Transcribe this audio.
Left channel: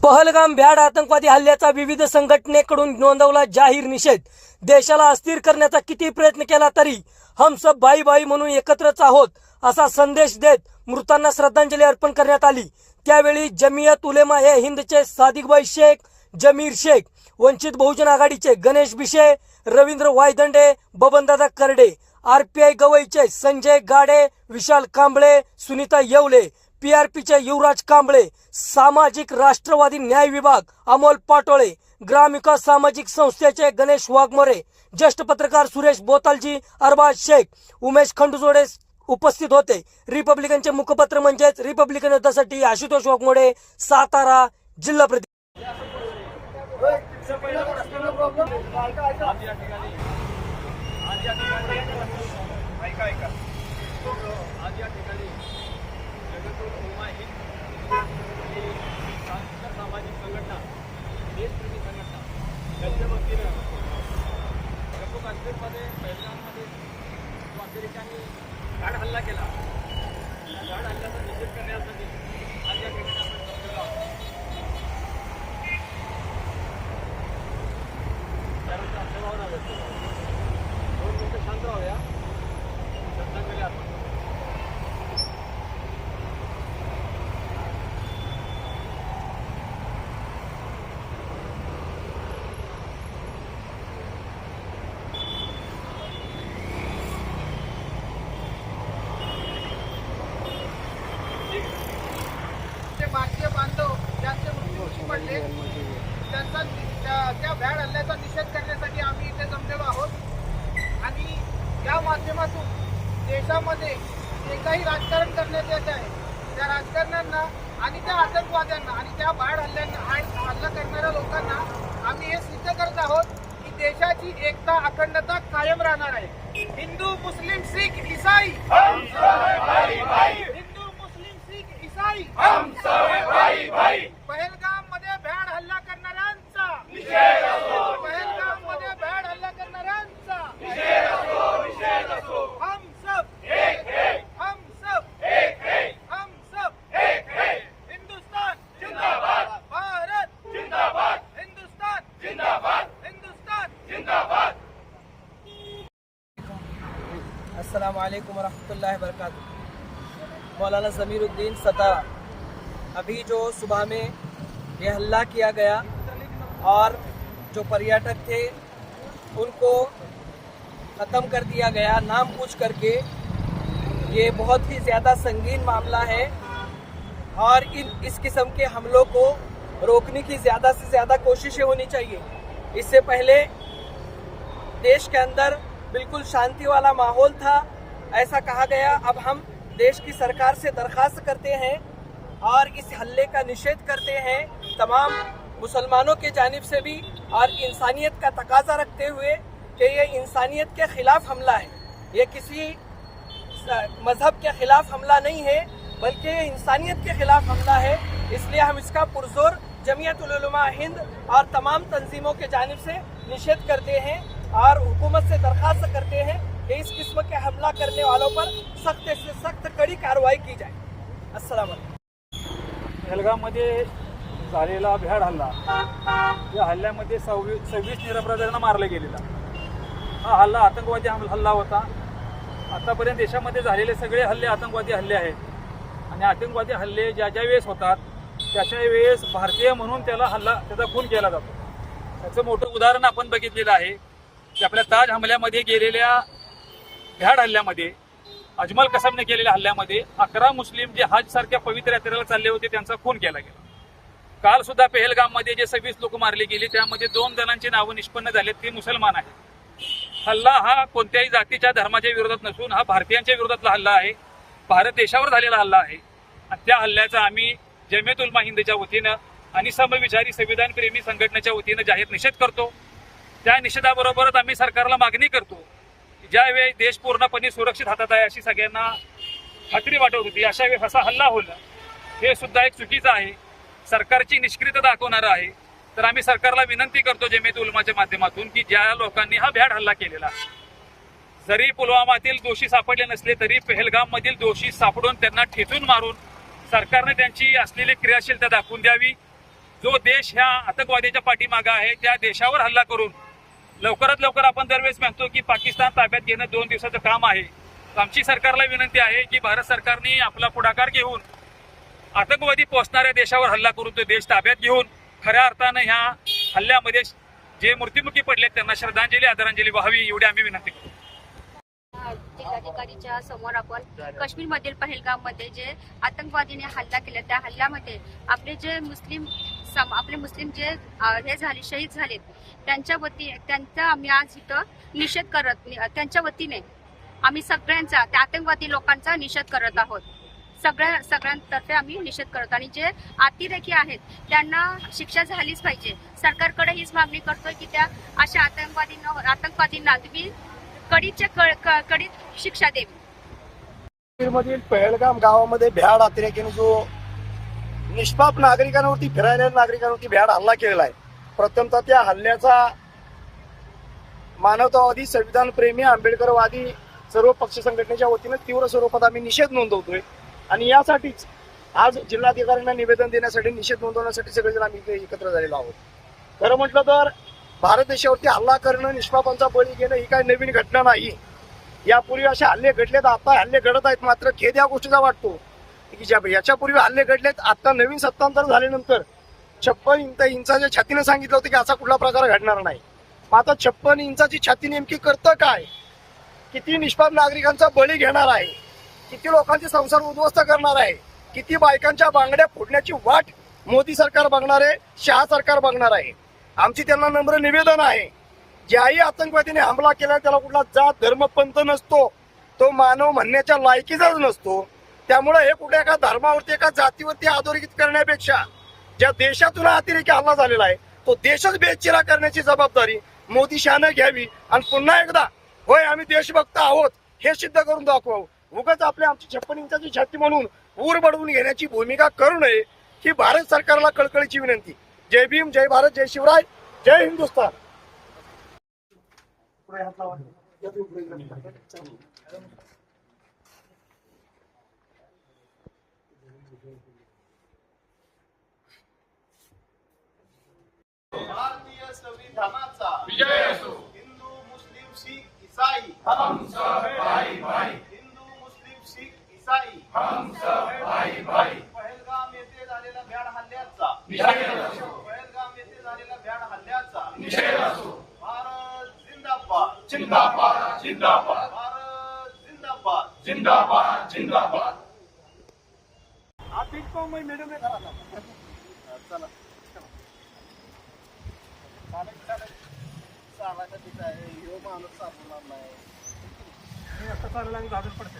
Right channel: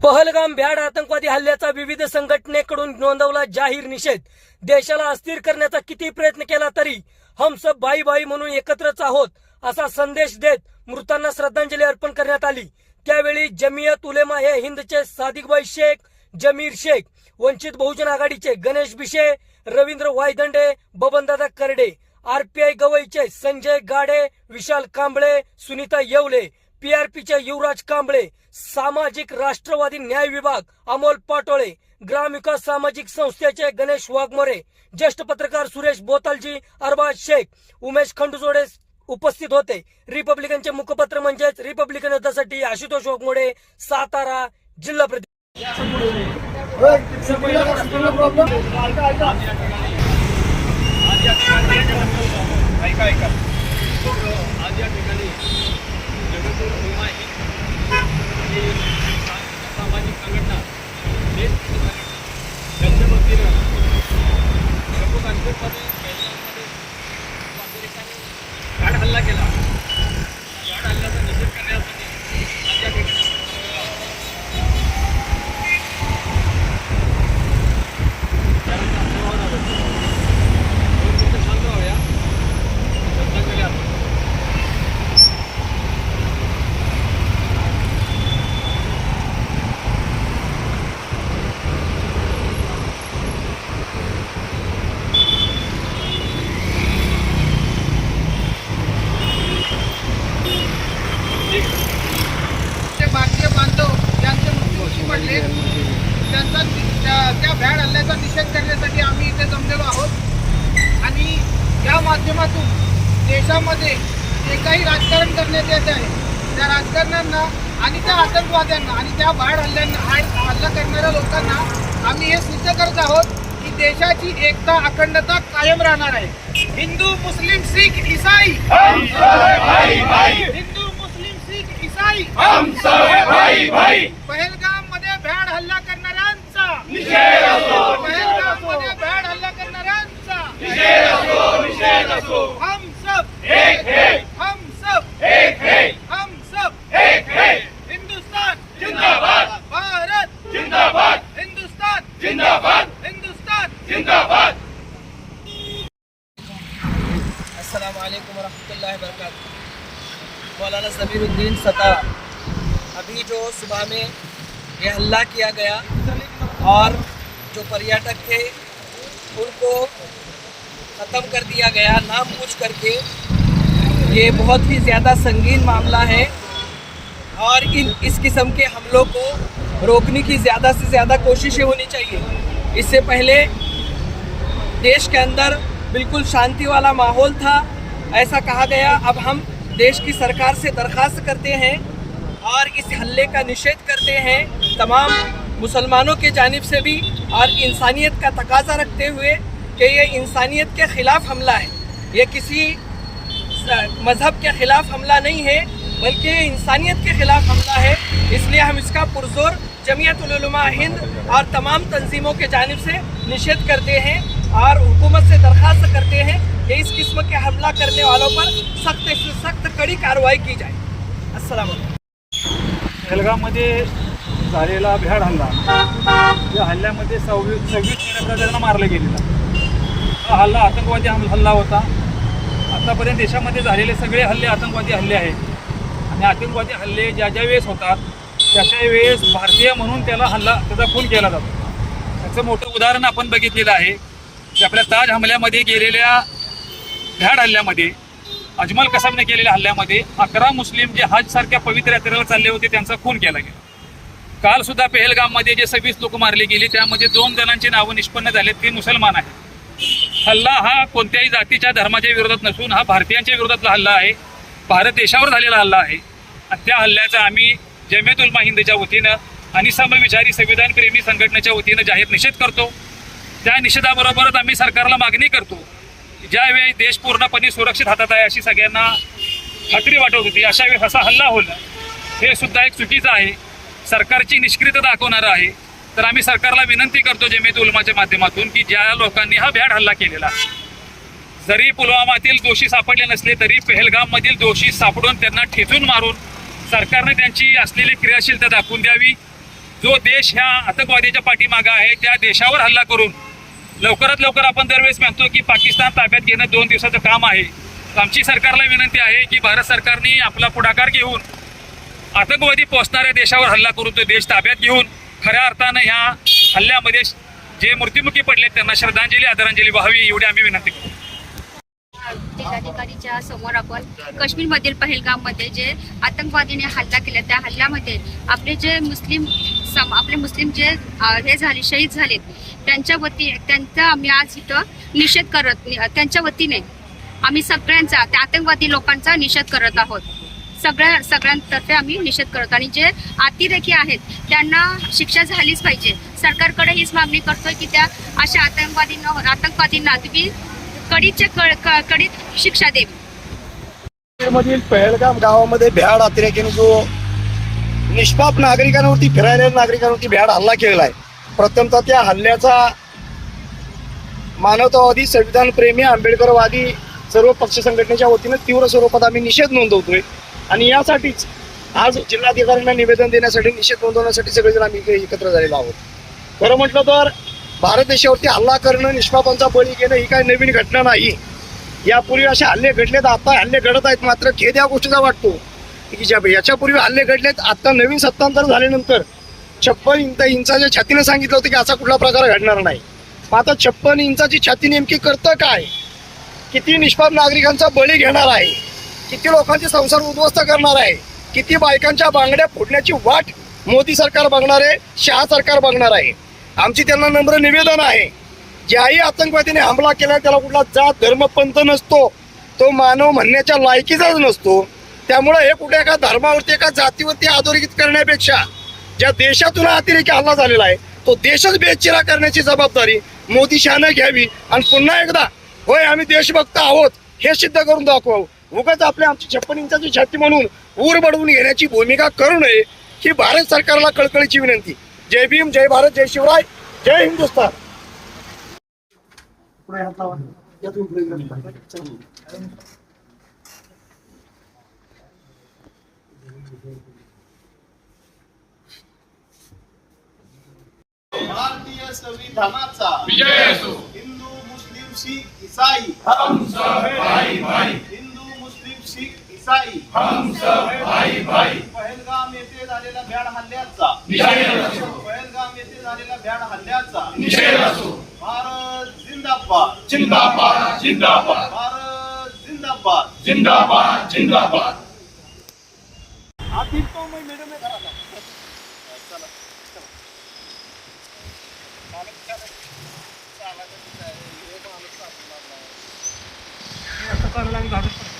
पहलगाम भ्याड आतंकवादी हल्ल्याचा विविध संघटनेकडून नोंदवला जाहीर निषेध. देशाला अस्थिर करण्याचा किती प्रयत्न केला तरी हम सब भाई भाई म्हणून एकत्रच आहोत असा संदेश देत मृतांना श्रद्धांजली अर्पण करण्यात आली. त्यावेळी जमियत उलेमा हे हिंदचे सादिकबाई शेख जमीर शेख वंचित बहुजन आघाडीचे गणेश बिशे रवींद्र वायदंडे बबनदादा करडे आरपीआय गवईचे संजय गाडे विशाल कांबळे सुनीता येवले पीआरपीचे युवराज कांबळे सामाजिक राष्ट्रवादी न्याय विभाग अमोल पाटोळे ग्रामविकास सामाजिक संस्थेचे गणेश वाघमोरे ज्येष्ठ पत्रकार सुरेश बोतालजी अरबाज शेख उमेश खंडुजोडे उपस्थित होते. रिपब्लिकनचे मुखपत्र म्हणजेच रिपब्लिकन युद्धासाठी आशुतोष वाघमोडे सातारा जिल्हा प्रति आज या ठिकाणी जगतूर भीमा ही ही सांस्कृतिक सामाजिक संघटना देश संघटना त्यांच्या वतीनं जम्मू काश्मीरमध्ये पहिलगाममध्ये अमेरिकाने गाड हल्ला केला त्या गाड हल्ल्याचा निषेध करण्यासाठी आज या ठिकाणी आपण जमलेलो आहोत त्यानंतर आपल्या भावना व्यक्त करू. दोन मिनिटं शांत राहूया श्रद्धांजली अर्पण करू. ते भारतीय बांधव ज्यांचे मृत्यूमुखी पडले त्यांचा त्या- भ्याड हल्ल्याचा निषेध करण्यासाठी आम्ही इथे जमलेलो आहोत. आणि या माध्यमातून देशामध्ये जे काही राजकारण करण्यात येत आहे त्या राजकारण्यांना आणि त्या आतंकवाद्यांना आणि त्या भ्याड हल्ल्यांना हल्ला करणाऱ्या लोकांना आम्ही हे सिद्ध करत आहोत की देशाची एकता अखंडता कायम राहणार आहे. हिंदू मुस्लिम शीख इसाई. हिंदू मुस्लिम शीख इसाई. पहलगाममध्ये भ्याड हल्ला करणाऱ्यांचा पहलगाममध्ये भ्याड हम सब हम सब हिंदुस्तान जिंदाबाद भारत जिंदाबाद हिंदुस्तान जिंदाबाद हिंदुस्तान जिंदाबाद अस्सलाम वालेकुम वरहमतुल्लाहि वबरकातुहू। मौलाना ज़मीरुद्दीन सता अभी जो सुबह में ये हल्ला किया गया और जो पर्यटक थे उनको ख़त्म कर दिया गया नाम पूछ करके ये बहुत ही ज़्यादा संगीन मामला है और इन इस किस्म के हमलों को रोकने की ज़्यादा से ज़्यादा कोशिशें होनी चाहिए इससे पहले देश के अंदर बिल्कुल शांति वाला माहौल था ऐसा कहा गया अब हम देश की सरकार से दरख्वास्त करते हैं और इस हल्ले का निषेध करते हैं तमाम मुसलमानों के जानिब से भी और इंसानियत का तकाजा रखते हुए कि ये इंसानियत के ख़िलाफ़ हमला है ये किसी मज़हब के ख़िलाफ़ हमला नहीं है बल्कि ये इंसानियत के ख़िलाफ़ हमला है इसलिए हम इसका पुरजोर जमीयत उलमा हिंद और तमाम तंजीमों के जानिब से निषेध करते हैं और हुकूमत से दरख्वास्त करते हैं कि इस किस्म के हमला करने वालों पर सख्त से सख्त कड़ी कार्रवाई की जाए अस्सलाम वालेकुम पहलगाममध्ये झालेला भ्याड हल्ला. या हल्ल्यामध्ये सव्वीस सव्वीस निरपराधांना मारलं गेलेला. हा हल्ला आतंकवादी हल्ला होता. आतापर्यंत देशामध्ये झालेले सगळे हल्ले आतंकवादी हल्ले आहेत. आणि आतंकवादी हल्ले ज्या ज्या वेळेस होतात त्या त्या वेळेस भारतीय म्हणून त्याला हल्ला त्याचा खून केला जातो. त्याचं मोठं उदाहरण आपण बघितलेलं आहे की आपल्या ताज हमल्यामध्ये गेलेल्या भ्याड हल्ल्यामध्ये अजमल कसाबने केलेल्या हल्ल्यामध्ये अकरा मुस्लिम जे हजसारख्या पवित्र यात्रेला चालले होते त्यांचा खून केला गेला. काल सुद्धा पेहलगाममध्ये जे सव्वीस लोक मारले गेले त्यामध्ये दोन जणांची नावं निष्पन्न झाले ते मुसलमान आहेत. हल्ला हा कोणत्याही जातीच्या धर्माच्या विरोधात नसून हा भारतीयांच्या विरोधातला हल्ला आहे. भारत देशावर झालेला हल्ला आहे. आणि त्या हल्ल्याचा आम्ही जमेत उलमा हिंदच्या वतीनं आणि समविचारी संविधानप्रेमी संघटनेच्या वतीनं जाहीर निषेध करतो. त्या निषेधाबरोबरच आम्ही सरकारला मागणी करतो ज्यावेळी देश पूर्णपणे सुरक्षित हातात आहे अशी सगळ्यांना खात्री वाटत होती अशा वेळेस असा हल्ला होणं हे सुद्धा एक चुकीचं आहे. सरकारची निष्क्रियता दाखवणारं आहे तर आम्ही सरकारला विनंती करतो जमेत उलमाच्या माध्यमातून की ज्या लोकांनी हा भ्याड हल्ला केलेला जरी पुलवामातील दोषी सापडले नसले तरी पेहलगाममधील दोषी सापडून त्यांना ठेचून मारून सरकारने त्यांची असलेली क्रियाशीलता दाखवून द्यावी. जो देश ह्या आतंकवाद्याच्या पाठीमागा आहे त्या देशावर हल्ला करून लवकरात लवकर आपण दरवेळेस म्हणतो की पाकिस्तान ताब्यात घेणं दोन दिवसाचं काम आहे. आमची सरकारला विनंती आहे की भारत सरकारने आपला पुढाकार घेऊन आतंकवादी पोचणाऱ्या देशावर हल्ला करून तो देश ताब्यात घेऊन खऱ्या अर्थानं ह्या हल्ल्यामध्ये जे मृत्युमुखी पडले त्यांना श्रद्धांजली आदरांजली व्हावी एवढी आम्ही विनंती करतो. जिल्हाधिकारीच्या समोर आपण काश्मीरमधील पहलगाममध्ये जे आतंकवादीने हल्ला केला त्या हल्ल्यामध्ये आपले जे मुस्लिम सम आपले मुस्लिम जे हे झाले शहीद झालेत त्यांच्या वती त्यांचा आम्ही आज इथं निषेध करत त्यांच्या वतीने आम्ही सगळ्यांचा त्या आतंकवादी लोकांचा निषेध करत आहोत. सगळ्या सगळ्यांतर्फे आम्ही निषेध करतो. आणि जे अतिरेकी आहेत त्यांना शिक्षा झालीच पाहिजे. सरकारकडे हीच मागणी करतोय की त्या अशा आतंकवादींना आतंकवादींना तुम्ही कडीच्या क- कडीत शिक्षा द्यावी मधील पहलगाम गावामध्ये भ्याड अतिरेकीने जो निष्पाप नागरिकांवरती फिरायला नागरिकांवरती भ्याड हल्ला केलेला आहे. प्रथमतः त्या हल्ल्याचा मानवतावादी संविधानप्रेमी आंबेडकरवादी सर्व पक्ष संघटनेच्या वतीनं तीव्र स्वरूपात आम्ही निषेध नोंदवतोय. आणि यासाठीच आज जिल्हाधिकाऱ्यांना निवेदन देण्यासाठी निषेध नोंदवण्यासाठी सगळेजण आम्ही एकत्र झालेलो आहोत. खरं म्हटलं तर भारत देशावरती हल्ला करणं निष्पापांचा बळी घेणं ही काही नवीन घटना नाही. यापूर्वी असे हल्ले घडलेत आता हल्ले घडत आहेत. मात्र खेद या गोष्टीचा वाटतो की ज्या याच्यापूर्वी हल्ले घडलेत आता नवीन सत्तांतर झाल्यानंतर छप्पन इंच इंचाच्या छातीने सांगितलं होतं की असा कुठला प्रकार घडणार नाही. मग आता छप्पन इंचाची छाती नेमकी करतं काय? किती निष्पाप नागरिकांचा बळी घेणार आहे? किती लोकांचे संसार उद्ध्वस्त करणार आहे? किती बायकांच्या बांगड्या फोडण्याची वाट मोदी सरकार बघणार आहे शहा सरकार बघणार आहे? आमची त्यांना नम्र निवेदन आहे. ज्याही आतंकवादीने हमला केला त्याला कुठला जात धर्म पंथ नसतो तो मानव म्हणण्याच्या लायकीचाच नसतो. त्यामुळे हे कुठे एका धर्मावरती एका जातीवरती अधोरेखित करण्यापेक्षा ज्या देशातून अतिरेकी हल्ला झालेला आहे तो देशच बेचिरा करण्याची जबाबदारी मोदी शहानं घ्यावी. आणि पुन्हा एकदा होय आम्ही देशभक्त आहोत हे सिद्ध करून दाखवावं. उगाच आपल्या आमची छप्पन इंचाची छाती म्हणून ऊर बडवून घेण्याची भूमिका करू नये ही भारत सरकारला कळकळीची विनंती. जय भीम जय भारत जय शिवराय जय हिंदुस्तान. भारतीय संविधानाचा विजय असो. हिंदू मुस्लिम शीख इसाई हिंदू मुस्लिम शीख इसाई पहलगाम येथे झालेल्या भ्याड हल्ल्याचा. पहलगाम येथे झालेल्या भ्याड हल्ल्याचा. भारत जिंदाबाद. जिंदाबाद जिंदाबाद. भारत जिंदाबाद. जिंदाबाद जिंदाबाद. आप तो मैं मेरे में खड़ा था चला. चालायचं तिथं आहे. हे माणूस नाही. हे असं करायला लागलं, घाबरत पडतं.